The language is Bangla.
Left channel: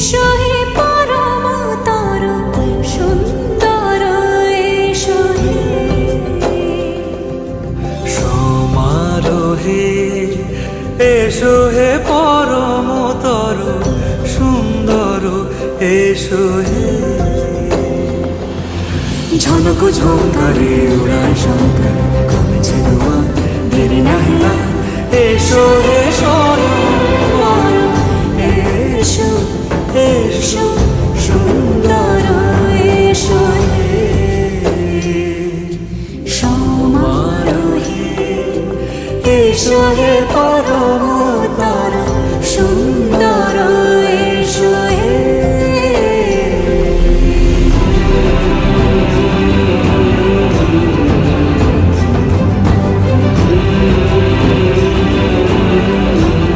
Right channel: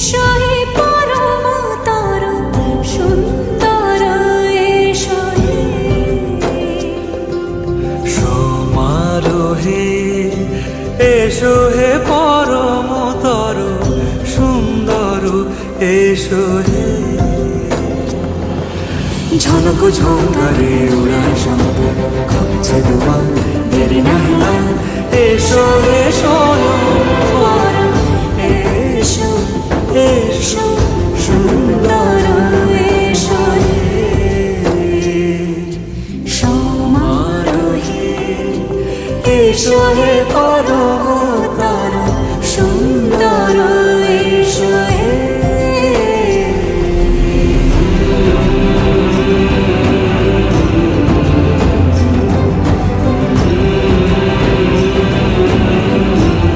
এসো হে পরম তরু সুন্দর এসো হে সমারোহে এসো হে পরম তরু সুন্দর এসো হে ঝনক ঝঙ্কারে উড়ায় শঙ্কর করেছে দুয়ার দেরি নাহি আর এসো হে স্বয়ং পরম এসো এসো সুন্দর এসো হে সমারোহে এসো হে পরম